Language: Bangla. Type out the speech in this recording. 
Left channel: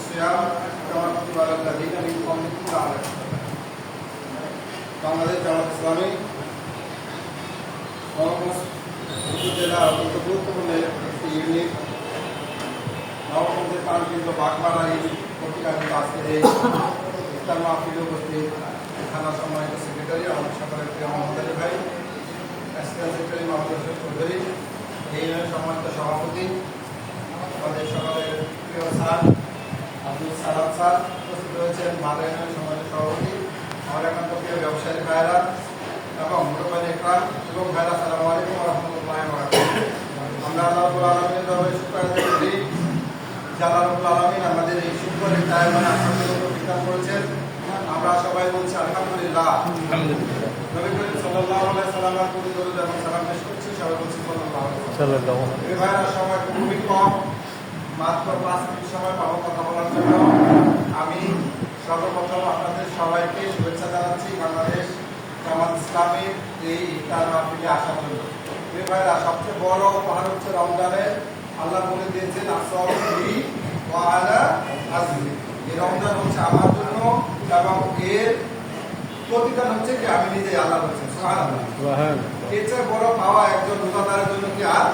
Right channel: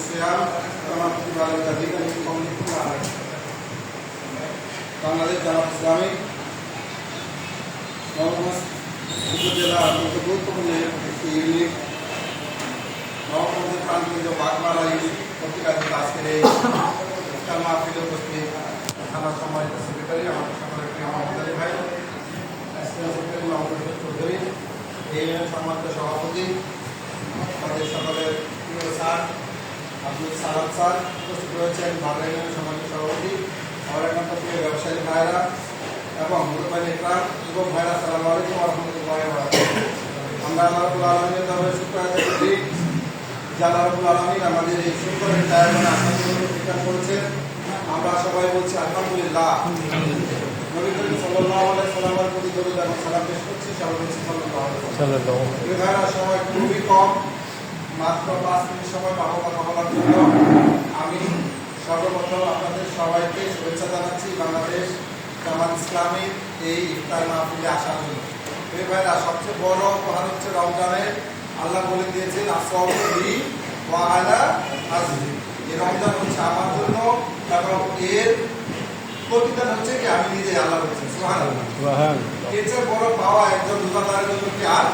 الصيام كما كتب على الذين من قبلكم لعلكم বাংলাদেশ জামাত ইসলামী নবগঞ্জ উপজেলা অত্যন্ত গুরুত্বপূর্ণ একটি ইউনিট নবগঞ্জের কান্তিত বাগমারা ইউনিট পত্রিকার আজকের এই ইফতার মাহফিলে উপস্থিত থানার সম্মানিত সেক্রেটারি আমাদের সকলের প্রিয় মোহাম্মদ আলী ভাই, অ্যাসিস্ট্যান্ট সেক্রেটারি মোহাম্মদ রশিদ চৌধুরী, এই সম্মানিত সভাপতি আমাদের সকলের প্রিয় স্যার আব্দুল সালাম স্যার উপস্থিত রয়েছেন, ভালো সম্মানিত সভাপতি আমার একান্ত প্রিয় ব্যবসায়ী ভাইয়েরা এবং মুরব্বানী ইকরাম এবং ভাইরা, আসসালামু আলাইকুম ওয়া রাহমাতুল্লাহি ওয়া বারাকাতুহু। আমরা আল্লাহ রাব্বুল আলামিনের দরবারে শুকর আদায় করি যে আল্লাহ রাব্বুল আলামিন আমাদের এই সুন্দর টাইম আশাগুলো প্রদান করেছেন। আমরা সবাই বলছি আলহামদুলিল্লাহ। নবী করিম সাল্লাল্লাহু আলাইহি সাল্লামের প্রতি দরুদ এবং সালাম পেশ করছি, সবাই বলছি সাল্লাল্লাহু আলাইহি ওয়াসাল্লাম। এই ভাইরা সময় খুবই কম, মাত্র 5 মিনিট সময় পাবো কথা বলার জন্য। আমি সর্বপ্রথম আপনাদের সবাইকে শুভেচ্ছা জানাচ্ছি বাংলাদেশ জামাত ইসলামী এই ইফতার মাহফিলে আসার জন্য। এই ভাইরা সবচেয়ে বড় উপহার হচ্ছে রমজানের, আল্লাহ বলে দিয়েছেন আসসালামু ওয়া আলা আজরি, এই রমজান হচ্ছে আমার জন্য এবং এর প্রতিদান হচ্ছে কি আমি নিজে আল্লাহ বলছেন সুবহানাল্লাহ। এর চেয়ে বড় পাওয়া একজন রোজাদারের জন্য কি আর